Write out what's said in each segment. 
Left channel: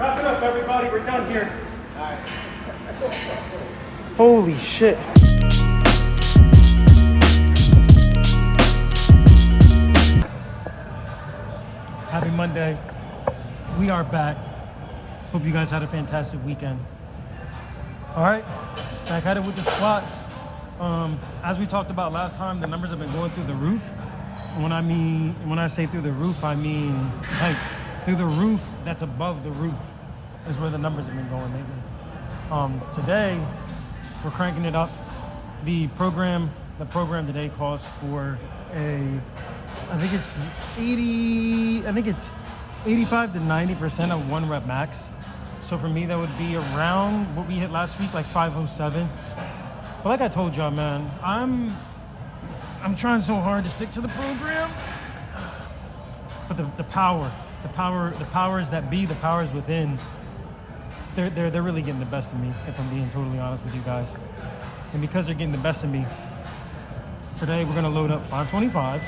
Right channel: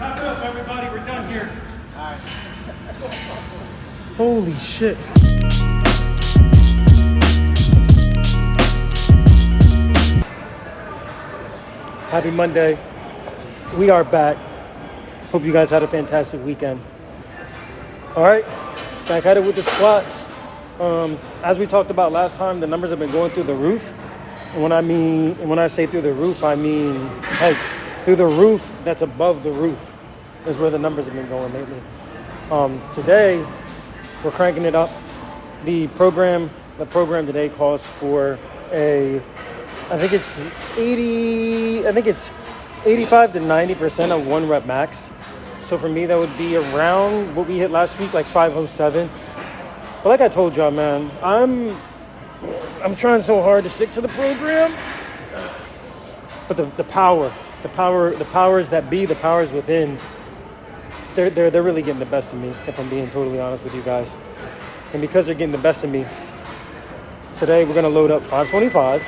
Wrap it up, everybody. We're done here. All right. Holy shit. Happy Monday. We are back. Hope you guys had a fantastic weekend. All right, back at it with the squats. As we talked about last time, the numbers have been going through the roof. And when I say through the roof, I mean like through the roof that's above the roof is where the numbers have been going lately. Today, we're cranking it up. The program today calls for I think it's 85 to 90% of 1 rep max. So for me, that would be around what we hit last week, like 507. But like I told y'all, man, I'm trying so hard to stick to the program. But the powers that be, the powers within, they're really getting the best of me, if I'm being totally honest with you guys. And because they're getting the best of me, today we're gonna load up 525.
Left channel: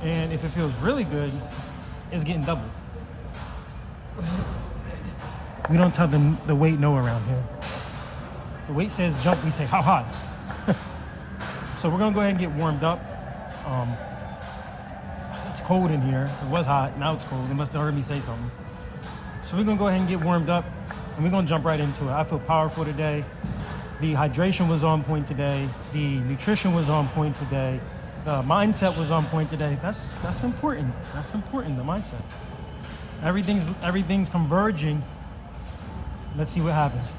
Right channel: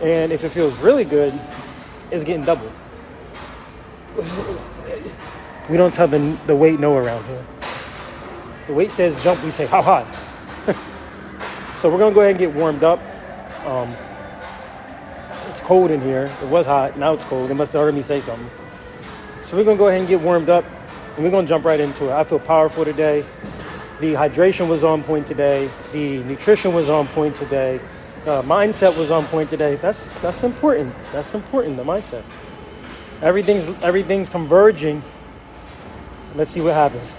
And if it feels really good, it's getting double. We don't tell the weight no around here. The weight says jump, we say how high. So we're gonna go ahead and get warmed up. It's cold in here. It was hot, now it's cold. They must have heard me say something. So we're gonna go ahead and get warmed up and we're gonna jump right into it. I feel powerful today. The hydration was on point today. The nutrition was on point today. Mindset was on point today. That's important. That's important, the mindset. Everything's converging. Let's see what happens.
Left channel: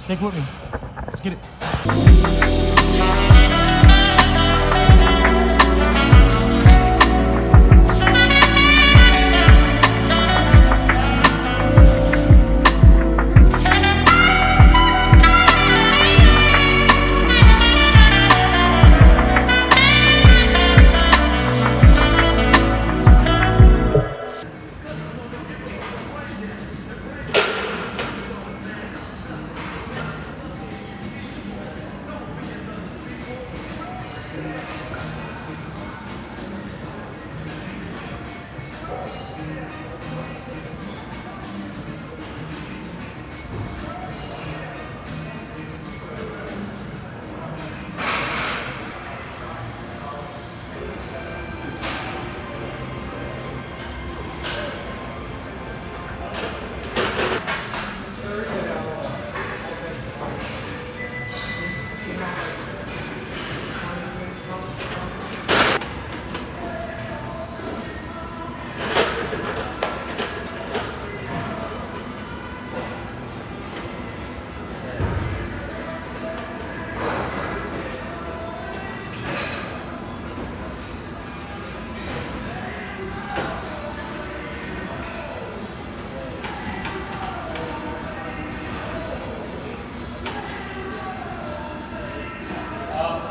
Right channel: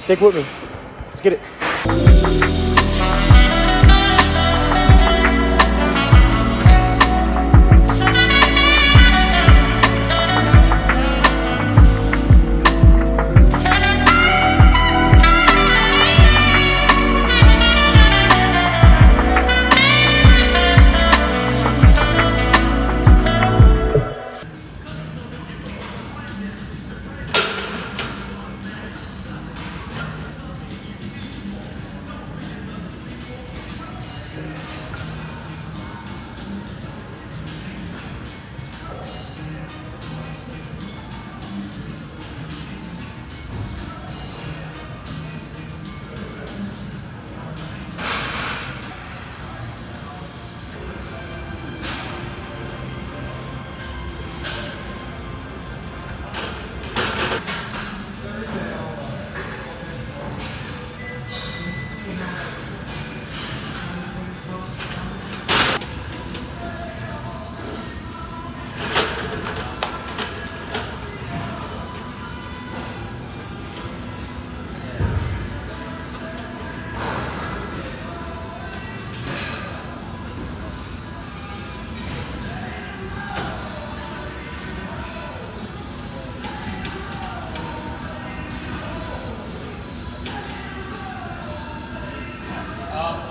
Stick with me. Let's get it. Up.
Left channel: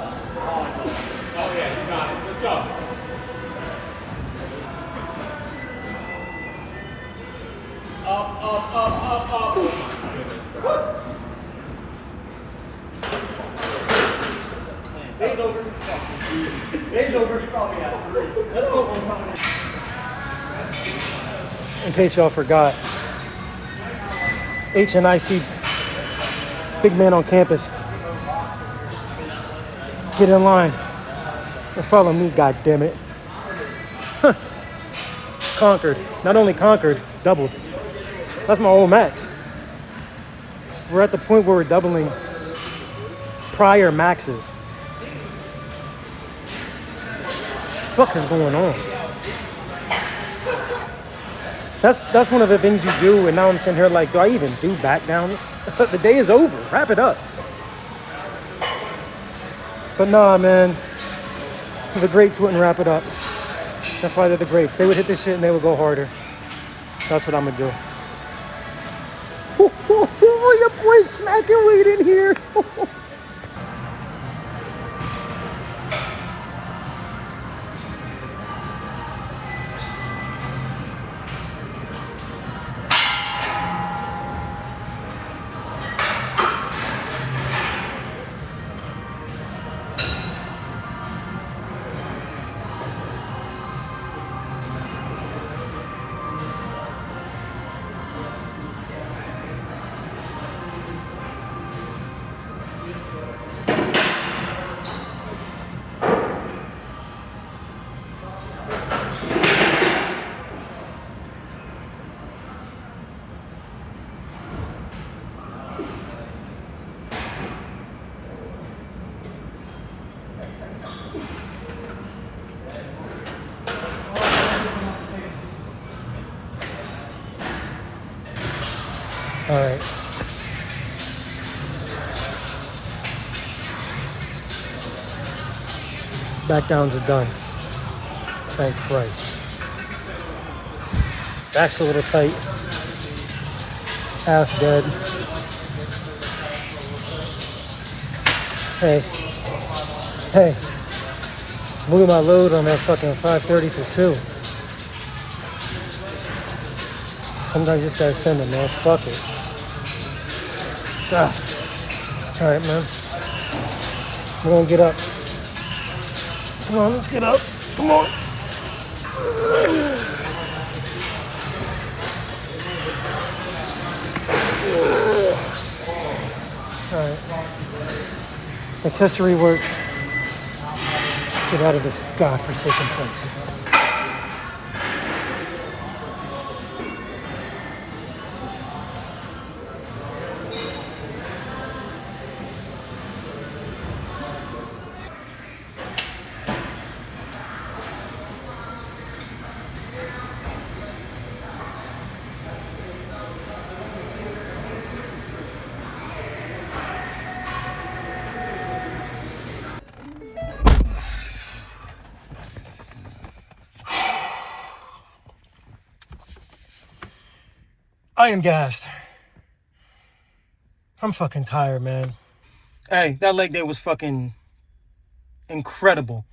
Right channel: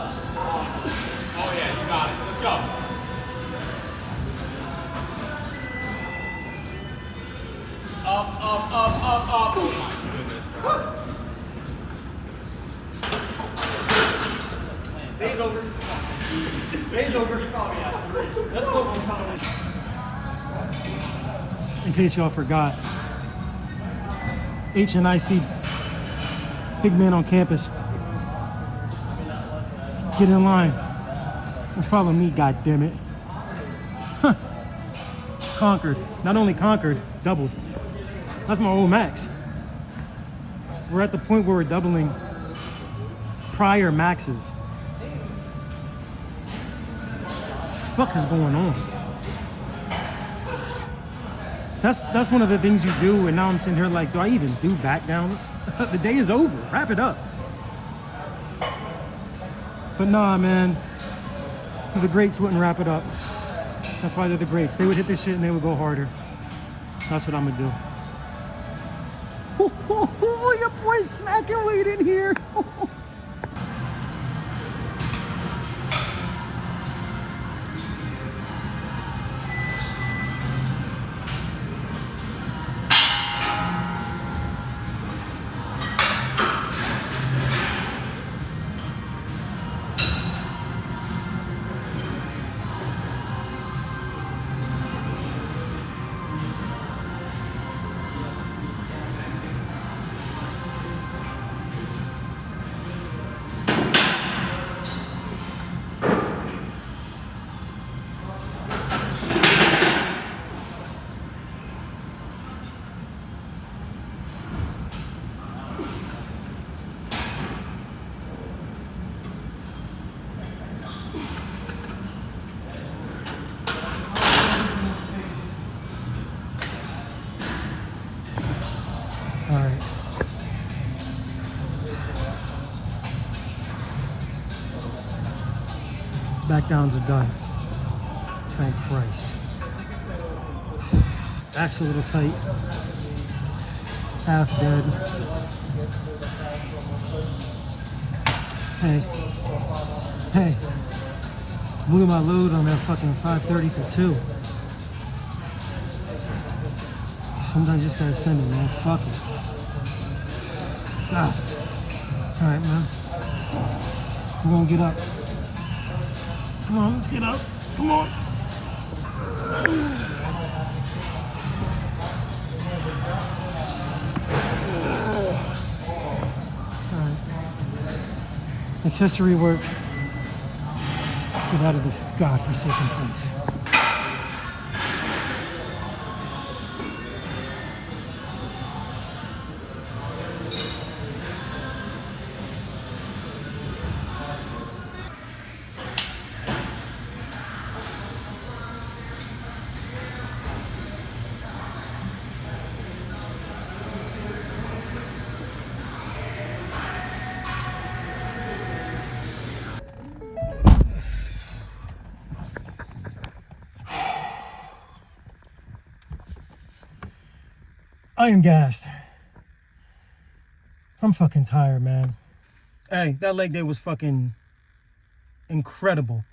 Day's over. You probably had 3. Let's go. In case y'all forgot, HNIC, big man on campus. Get in line and follow me, goddammit. Conquered. Not only conquered, doubled. That's my old max. We're at the point where we're doubling prior maxes. What the fuck is going on? That's one of the things you do, and now I'm sitting here like, do I even do back downs? The day is over. Wrap it up. But nah, man. The greats wouldn't wrap it up. That's why they're the greats. They would hit this shit and they would go harder. That's what I'm gonna do. Your boy's smacking weight in here. All right. Back downs are done. Thank Christ. Back's a little tight. Half dead. Hey. Hey. Blew my load on that fucking 530 for 2. Sometimes you just gotta send it, man. Fuck it. God. All right, man. We're gonna get up. Come on, let's get up. Come on. All right. Accessory work. Let's get out of this godforsaken place. I am gassed. I'm fucking tired, man. Hey, that leg day was fucking incredible.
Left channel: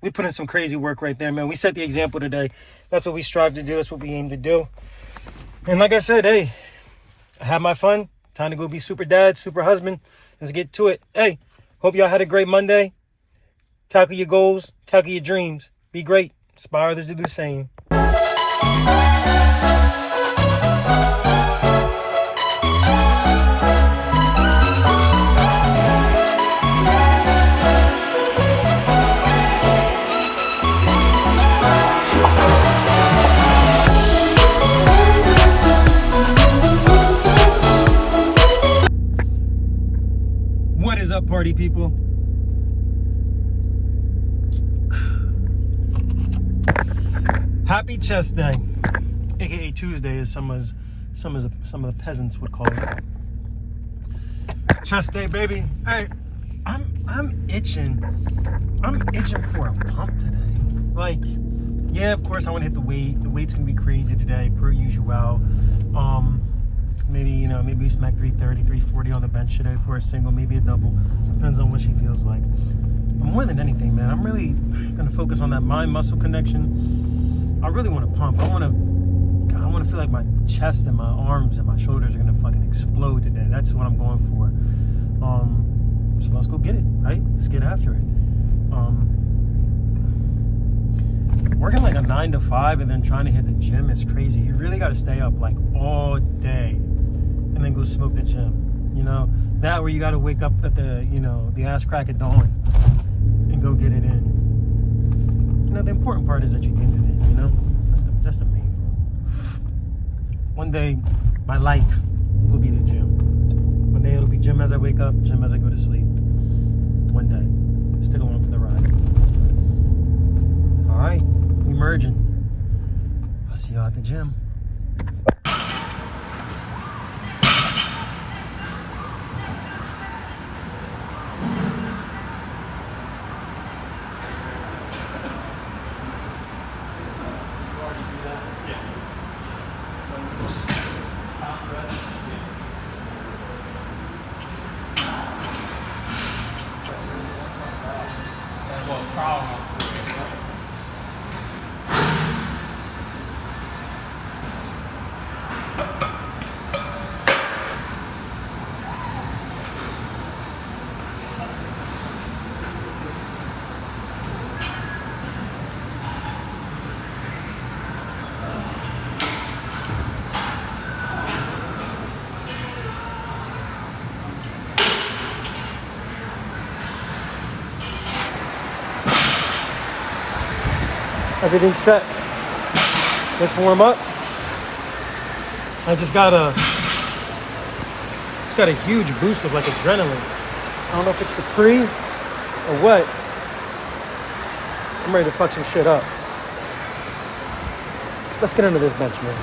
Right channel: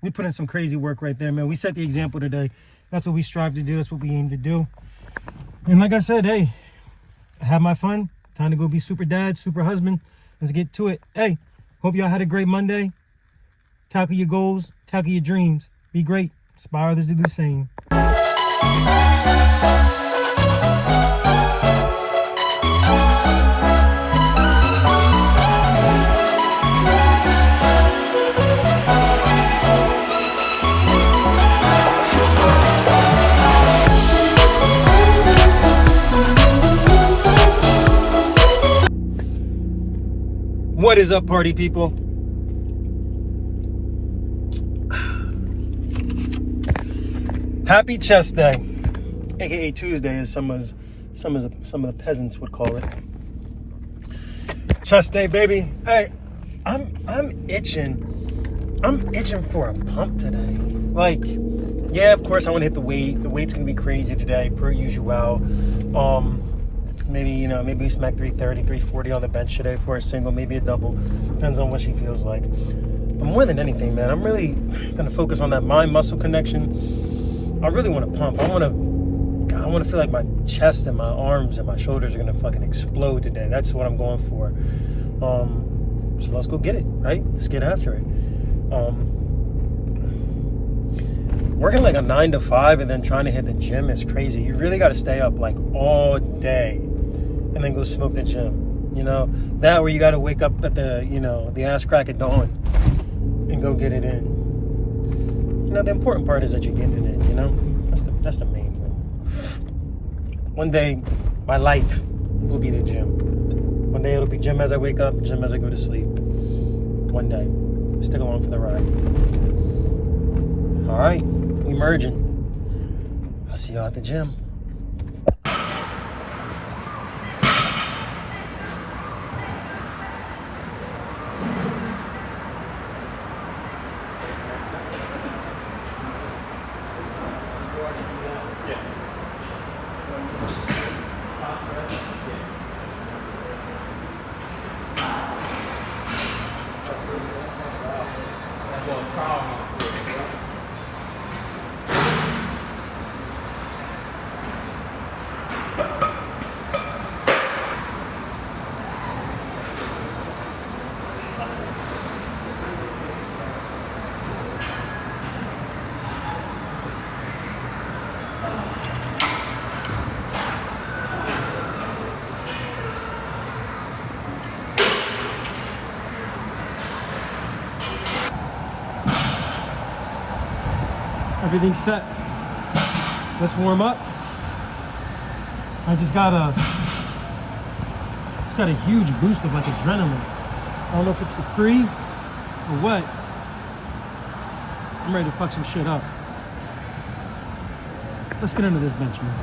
We put in some crazy work right there, man. We set the example today. That's what we strive to do. That's what we aim to do. And like I said, hey, I had my fun. Time to go be super dad, super husband. Let's get to it. Hey, hope y'all had a great Monday. Tackle your goals. Tackle your dreams. Be great. Inspire others to do the same. What is up, party people? Happy Chest Day, aka Tuesday, as some of the peasants would call it. Chest Day, baby. Hey, I'm itching. I'm itching for a pump today. Like, yeah, of course I want to hit the weight. The weight's gonna be crazy today, per usual. Maybe we smack 330, 340 on the bench today for a single, maybe a double. Depends on what she feels like. But more than anything, man, I'm really gonna focus on that mind-muscle connection. I really want to pump. I want to feel like my chest and my arms and my shoulders are gonna fucking explode today. That's what I'm going for. So let's go get it, right? Let's get after it. Working like a 9 to 5 and then trying to hit the gym is crazy. You really got to stay up like all day and then go smoke the gym. You know, that where you got to wake up at the ass crack of dawn and go get it in. You know, the important part is that you're getting it in, you know? That's the main goal. One day, my life will be the gym. One day it'll be gym as I wake up, gym as I go to sleep. One day. Stick along for the ride. All right, we merging. I'll see y'all at the gym. Everything's set. Let's warm up. I just got a huge boost of like adrenaline. I don't know if it's the pre or what. I'm ready to fuck some shit up. Let's get into this bench, man.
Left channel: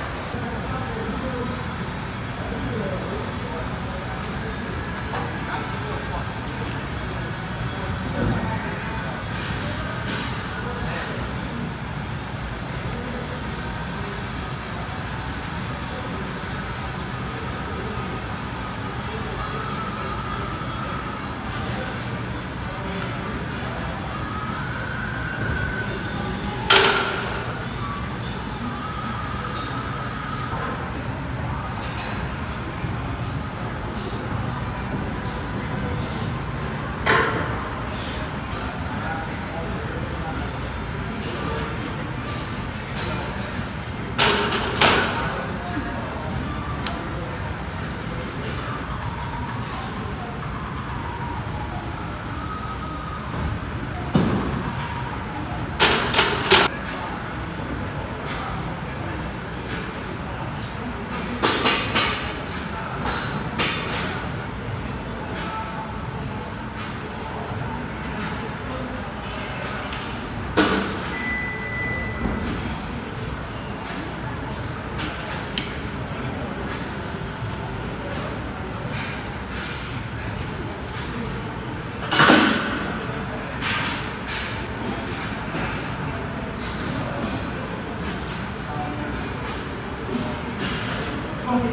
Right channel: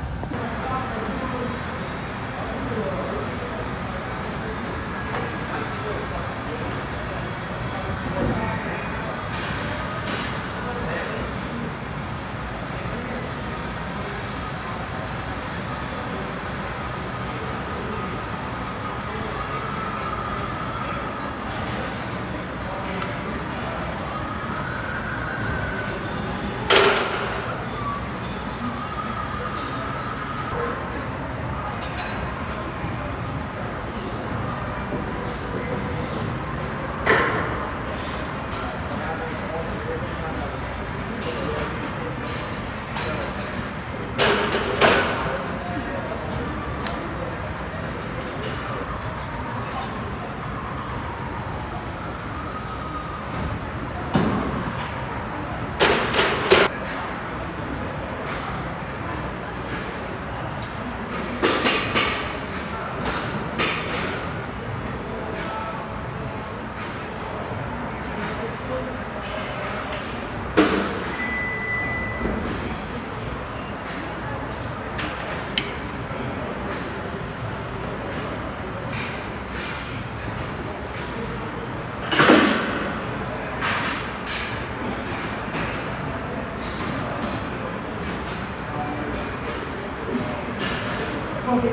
Three.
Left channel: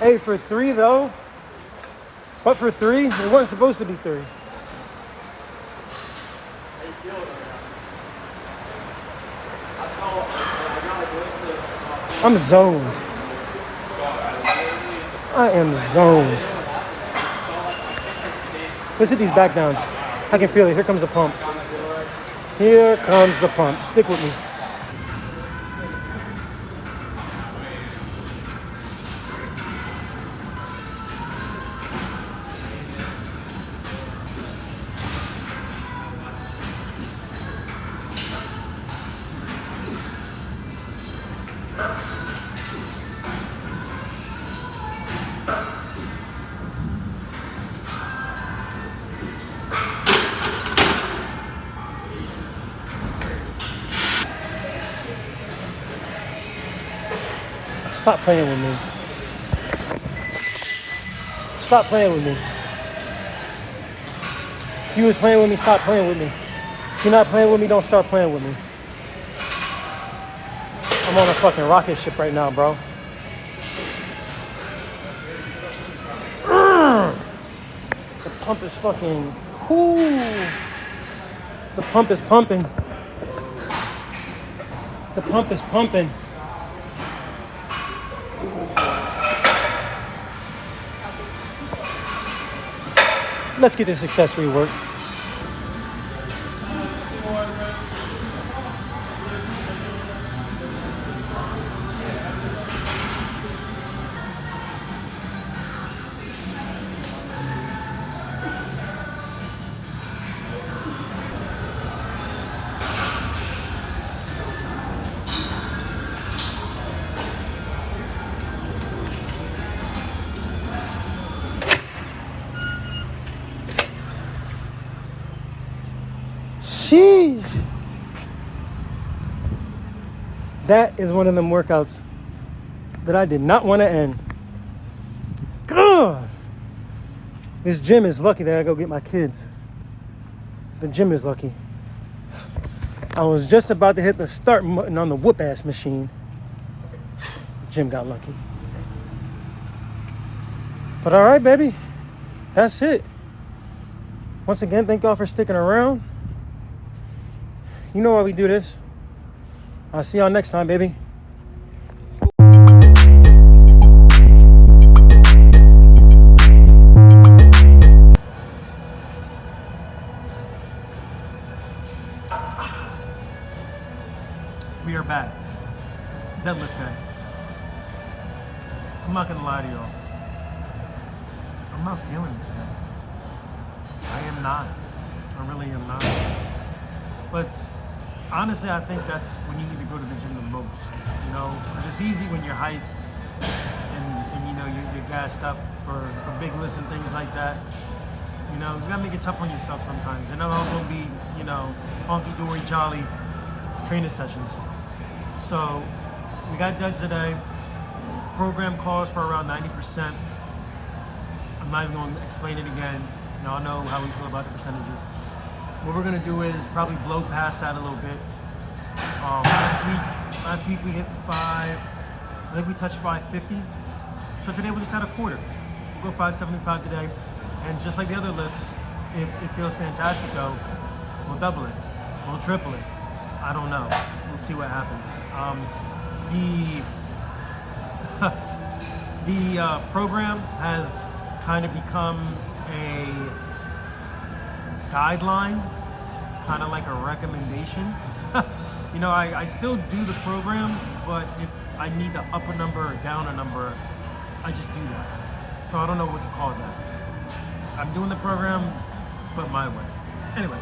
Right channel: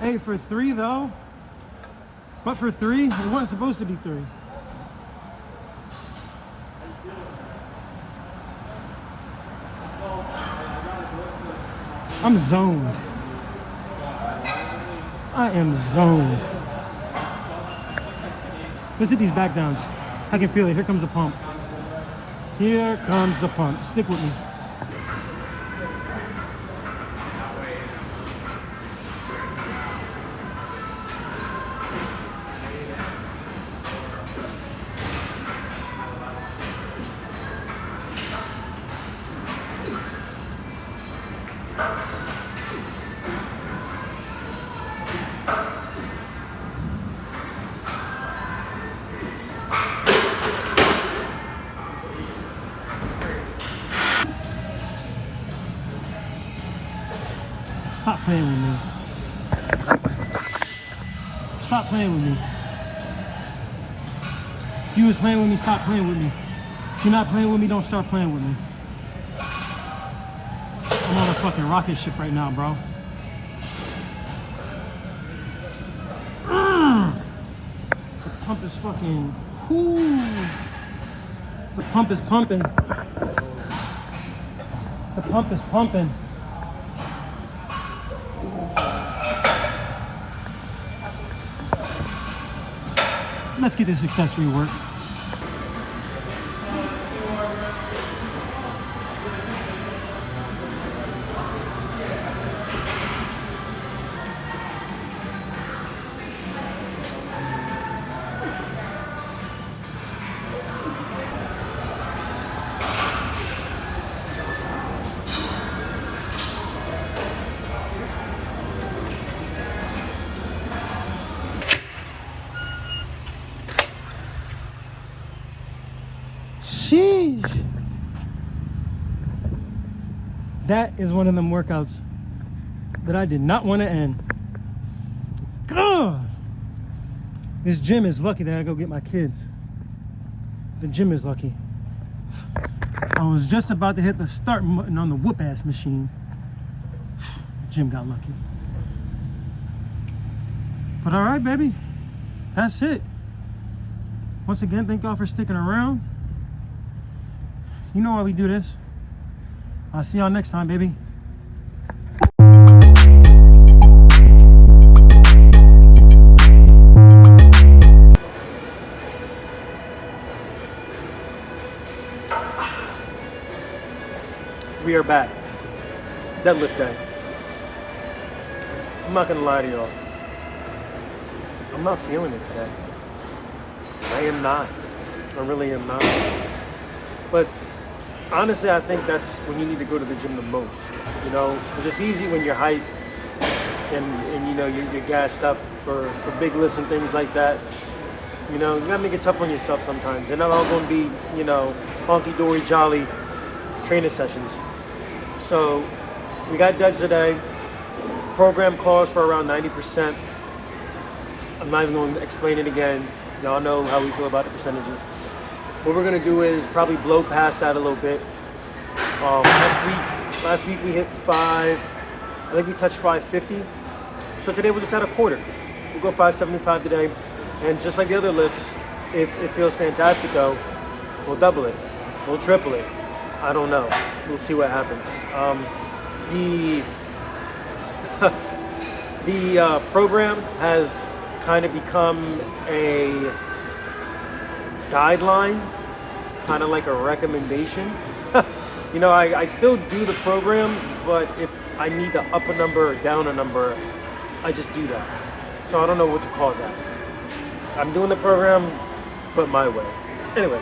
Hey, for three though. But for three, it wasn't supposed to be three. I'm zoned. I am zoned. Let's hit these back downs. I can feel it. Here comes the pump. Here comes the pump. Stick with me. Stop playing with me. Stop playing with me. If you was playing with me, stop playing with me. If you're not playing with me, don't start playing with me. I'm on a fucking rocket ship right now, bro. The pump is fucking... Whoo. The pump is pumping. The pump is pumping. Let's get this accessory work. Sheesh. That is one of them workouts that I did not want to end. God. This gym is lucky that I go get my kids. The gym is lucky. I was just about to hit the start button on the whoop ass machine. Gym got lucky. But all right, baby. That's it. Once again, thank y'all for sticking around. You know why we do this. I'll see y'all next time, baby. We are back. Deadlift day. I'm not gonna lie to y'all. I'm not feeling it today. I am not. I really am not. But honestly, I think that's when you need to go to the gym the most, you know, because it's easy when you're hyped and you know, you're gassed up for big lifts and things like that. You know, you gotta make it tough on yourself sometimes. They're not all gonna be, you know, honky-dory, jolly training sessions. So we got duds today. Program calls for around 90%. I'm not even going to explain it again. Y'all know how we feel about the percentages. What we're gonna do is probably blow past that a little bit. Last week we hit 5. I think we touched 550. So today we'll just add a quarter. We'll go 575 today, and just like the other lifts, if it feels fantastic, we'll double it, we'll triple it. I don't know. We'll see what happens. The program has kind of become a guideline, kind of like a recommendation. You know, I still do the program, but if I need to up a number or down a number, I just do that. So I don't know what to call that. I'm doing the program, but my way. Anyway,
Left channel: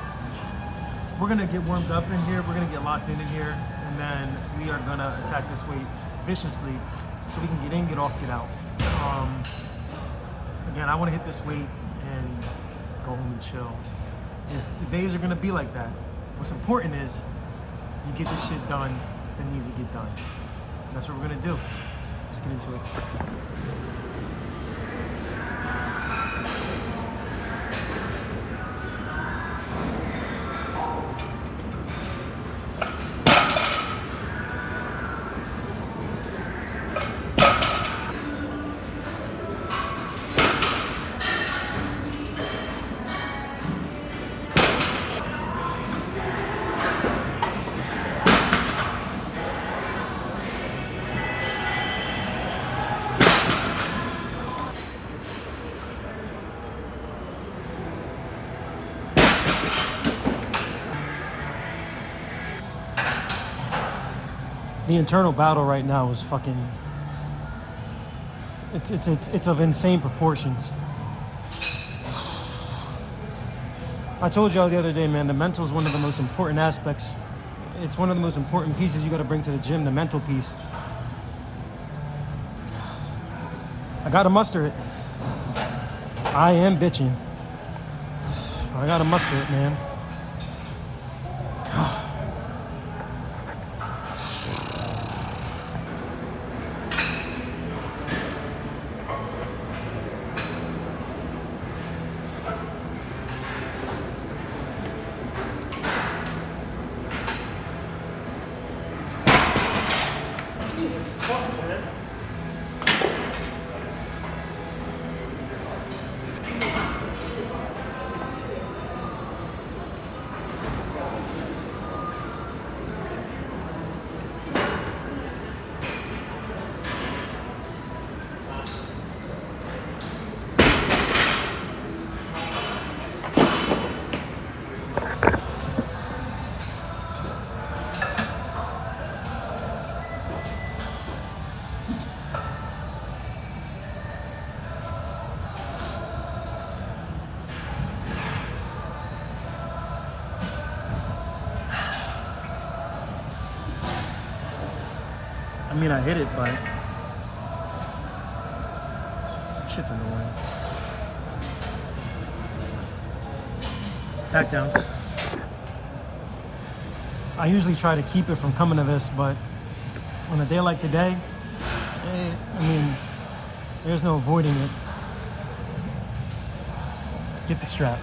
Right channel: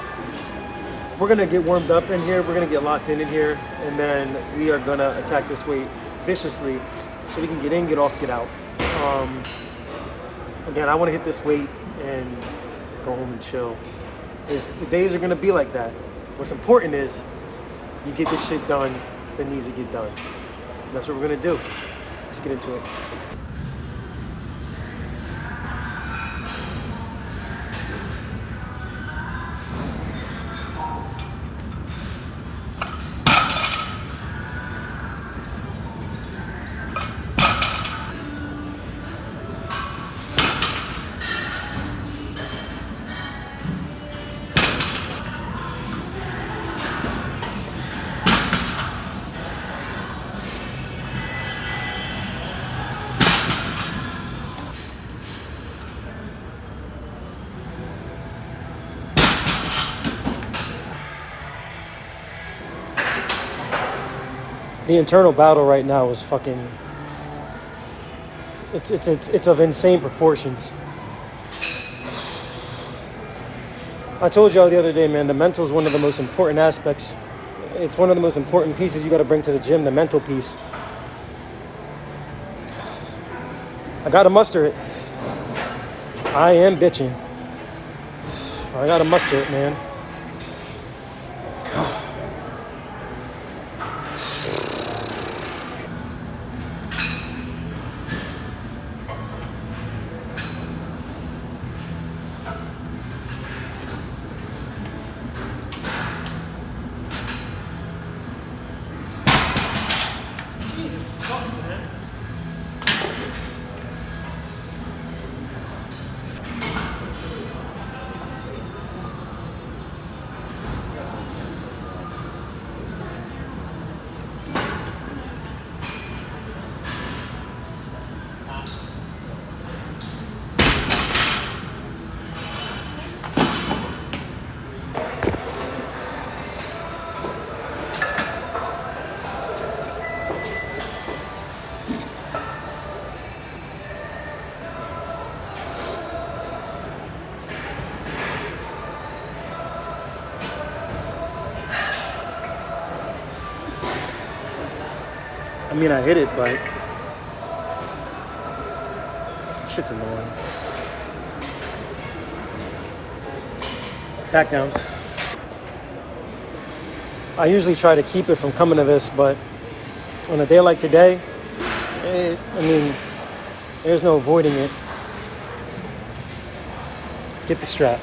we're gonna get warmed up in here. We're gonna get locked in here, and then we are gonna attack this weight viciously so we can get in, get off, get out. Again, I wanna hit this weight and go home and chill. The days are gonna be like that. What's important is you get this shit done that needs to get done. And that's what we're gonna do. Let's get into it. The internal battle right now is fucking. It's of insane proportions. I told y'all the other day, man, the mental is one of the most important aspects. It's one of the most important pieces you got to bring to the gym, the mental piece. I got to muster it. I am bitching. I got to muster it, man. Jesus fuck, man. I mean, I hit it, but shit's annoying. Back downs. I usually try to keep it from coming to this, but on a day like today, I mean, there's no avoiding it. Get the strap.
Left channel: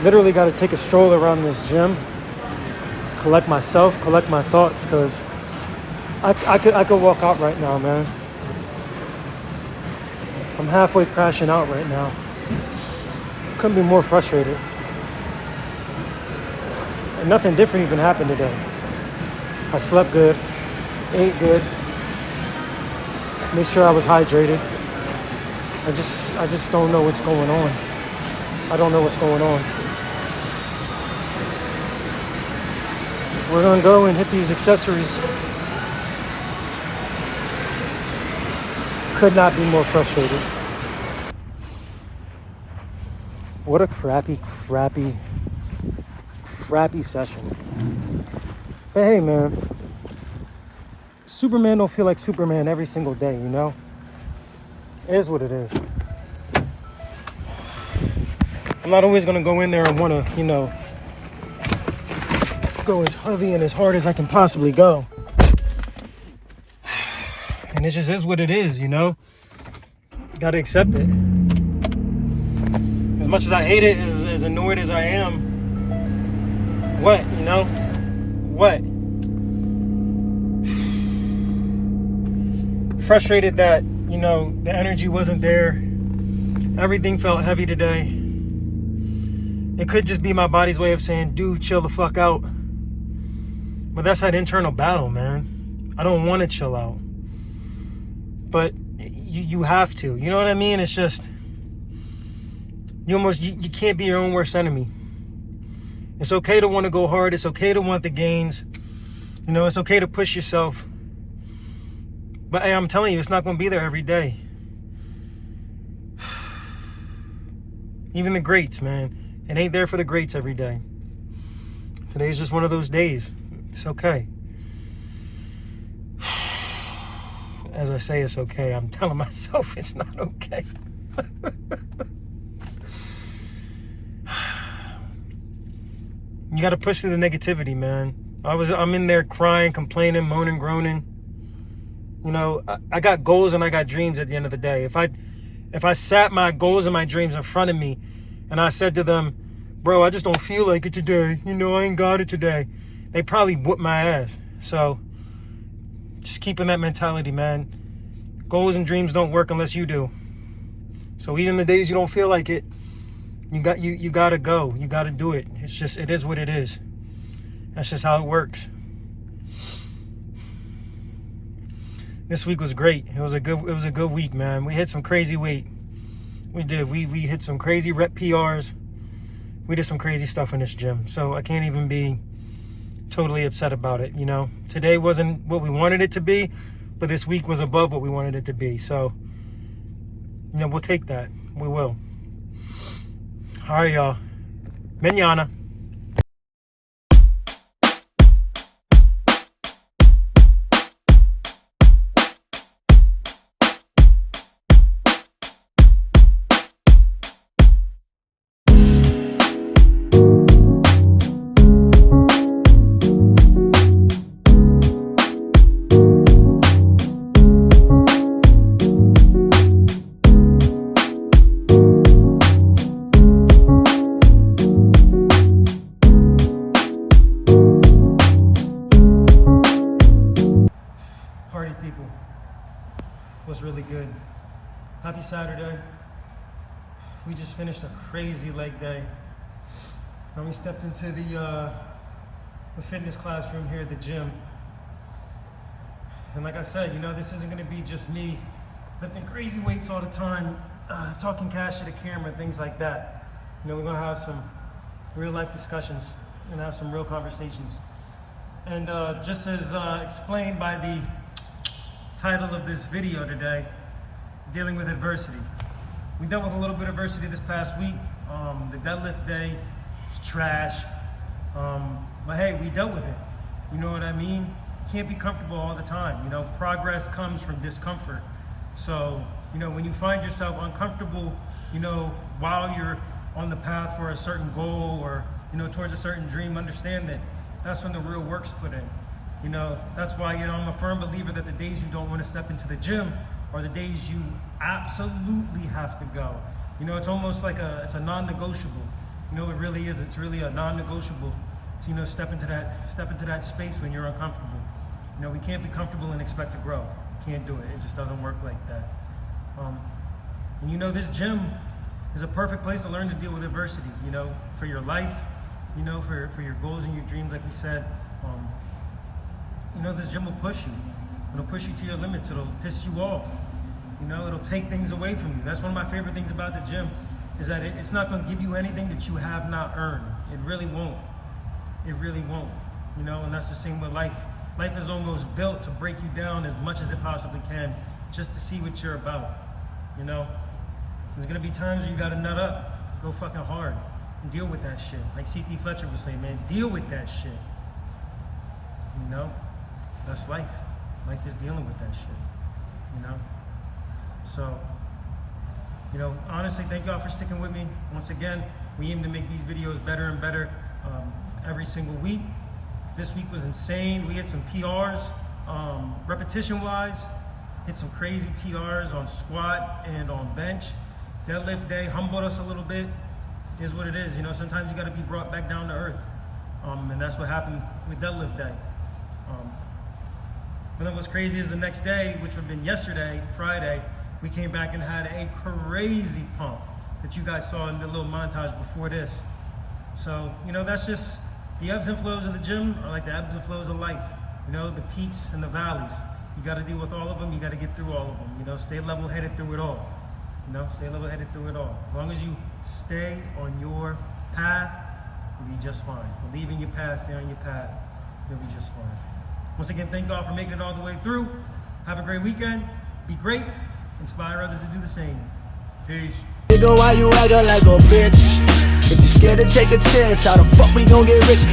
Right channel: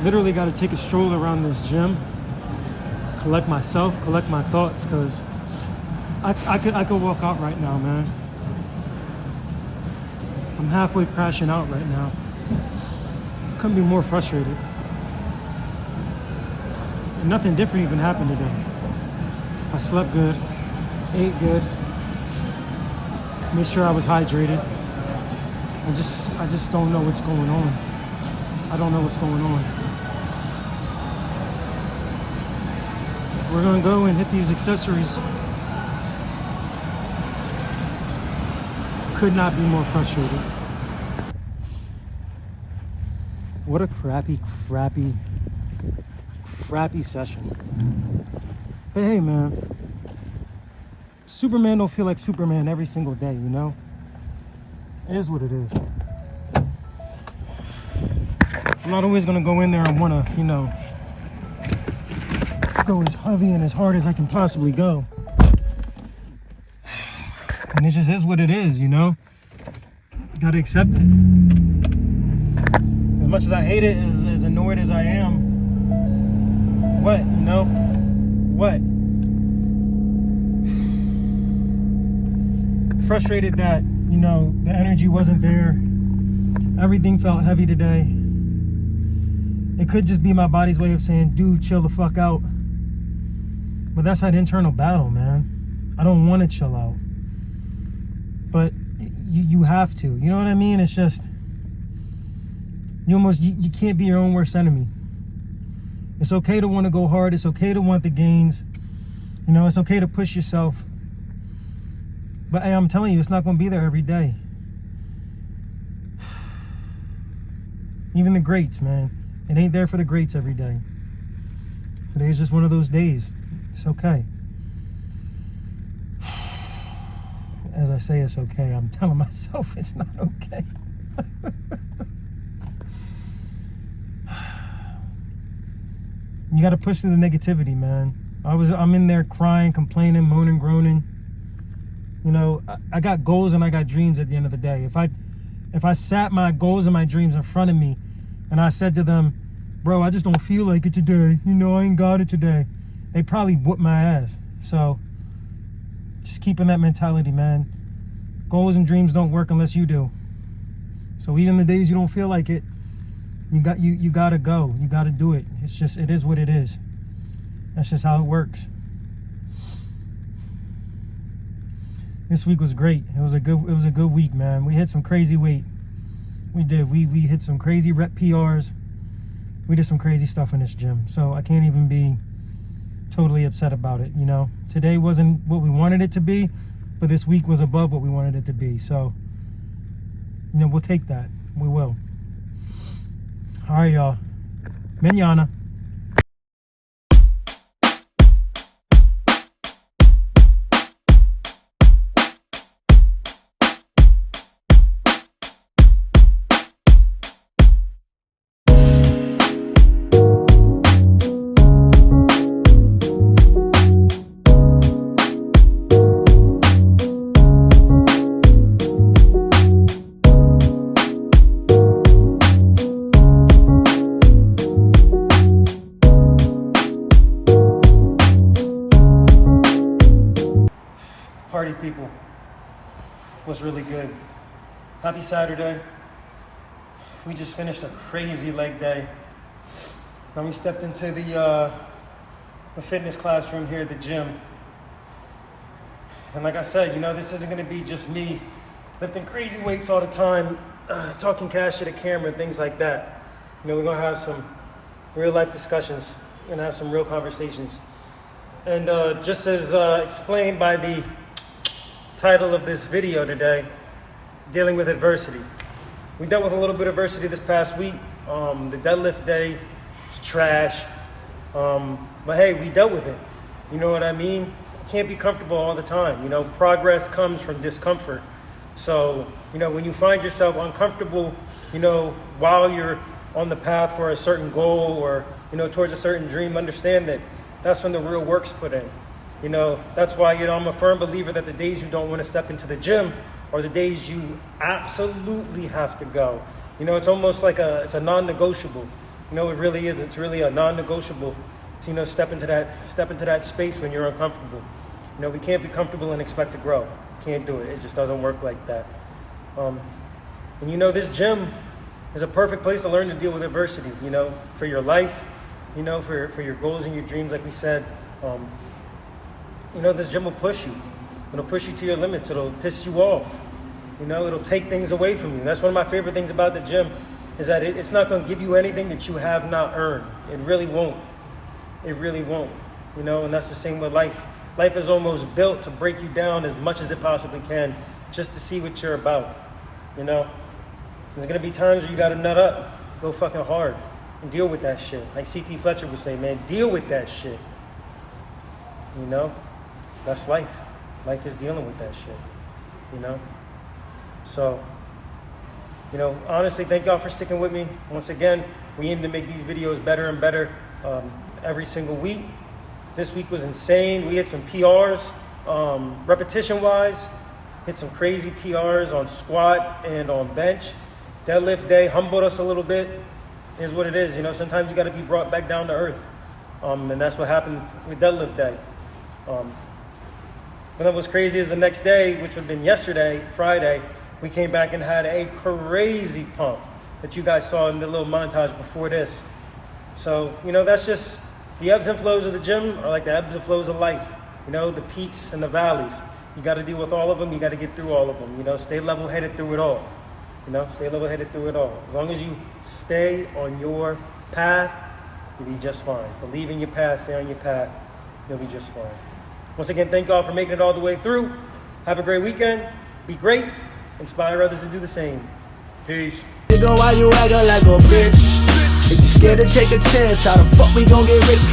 Literally got to take a stroll around this gym, collect myself, collect my thoughts, because I could walk out right now, man. I'm halfway crashing out right now. Couldn't be more frustrated. And nothing different even happened today. I slept good, ate good, made sure I was hydrated. I just don't know what's going on. I don't know what's going on. We're gonna go and hit these accessories. Could not be more frustrated. What a crappy session. But hey, man, Superman don't feel like Superman every single day, you know? It is what it is. I'm not always gonna go in there and wanna, you know, go as heavy and as hard as I can possibly go. And it just is what it is, you know? Gotta accept it. As much as I hate it, as annoyed as I am, what, you know? What? Frustrated that, you know, the energy wasn't there. Everything felt heavy today. It could just be my body's way of saying, dude, chill the fuck out. But that's that internal battle, man. I don't want to chill out. But you have to. You know what I mean? It's just, you can't be your own worst enemy. It's okay to want to go hard. It's okay to want the gains. You know, it's okay to push yourself. But hey, I'm telling you, it's not going to be there every day. Even the greats, man. It ain't there for the greats every day. Today's just one of those days. It's okay. As I say, it's okay. I'm telling myself it's not okay. You got to push through the negativity, man. I'm in there crying, complaining, moaning, groaning. You know, I got goals and I got dreams at the end of the day. If I sat my goals and my dreams in front of me and I said to them, bro, I just don't feel like it today. You know, I ain't got it today. They probably whoop my ass. So just keeping that mentality, man. Goals and dreams don't work unless you do. So even the days you don't feel like it, you gotta go. You gotta do it. It is what it is. That's just how it works. This week was great. It was a good week, man. We hit some crazy weight. We did. We hit some crazy rep PRs. We did some crazy stuff in this gym. So I can't even be totally upset about it, you know. Today wasn't what we wanted it to be, but this week was above what we wanted it to be. So, you know, we'll take that. We will. All right, y'all. Mañana. Party people was really good. Happy Saturday. We just finished a crazy leg day. Then we stepped into the fitness classroom here at the gym. And like I said, you know, this isn't gonna be just me lifting crazy weights all the time, talking cash to the camera, things like that. You know, we're gonna have some real life discussions. We're gonna have some real conversations. And just as explained by the title of this video today, dealing with adversity. We dealt with a little bit of adversity this past week. The deadlift day was trash. But hey, we dealt with it. You know what I mean? Can't be comfortable all the time. You know, progress comes from discomfort. So, you know, when you find yourself uncomfortable, you know, while you're on the path for a certain goal or, you know, towards a certain dream, understand that that's when the real work's put in. You know, that's why, you know, I'm a firm believer that the days you don't want to step into the gym are the days you absolutely have to go. You know, it's almost like it's a non-negotiable. You know, it really is. It's really a non-negotiable to, you know, step into that space when you're uncomfortable. You know, we can't be comfortable and expect to grow. Can't do it. It just doesn't work like that. And you know, this gym is a perfect place to learn to deal with adversity, you know, for your life, you know, for your goals and your dreams, like we said. You know, this gym will push you. It'll push you to your limits. It'll piss you off. You know, it'll take things away from you. That's one of my favorite things about the gym, is that it's not going to give you anything that you have not earned. It really won't. It really won't. You know, and that's the same with life. Life is almost built to break you down as much as it possibly can, just to see what you're about. You know, there's going to be times where you got to nut up, go fucking hard, and deal with that shit. Like C.T. Fletcher would say, man, deal with that shit. You know? That's life. Life is dealing with that shit, you know? So, you know, honestly, thank y'all for sticking with me. Once again, we aim to make these videos better and better every single week. This week was insane. We hit some PRs, repetition-wise, hit some crazy PRs on squat and on bench. Deadlift day humbled us a little bit, is what it is. You know, sometimes you got to be brought back down to earth. And that's what happened with deadlift day. And then what's crazy is the next day, which would have been yesterday, Friday, we came back and had a crazy pump that you guys saw in the little montage before this. So, you know, that's just the ebbs and flows of the gym are like the ebbs and flows of life. You know, the peaks and the valleys. You got to deal with all of them. You got to get through all of them. You know, stay level-headed through it all. You know, stay level-headed through it all. As long as you stay on your path, you'll be just fine. Believe in your path, stay on your path, you'll be just fine. Once again, thank God for making it all the way through. Have a great weekend. Be great. Inspire others to do the same. Peace. Nigga, why you acting like a bitch? If you scared to take a chance, how the fuck we gon' get rich?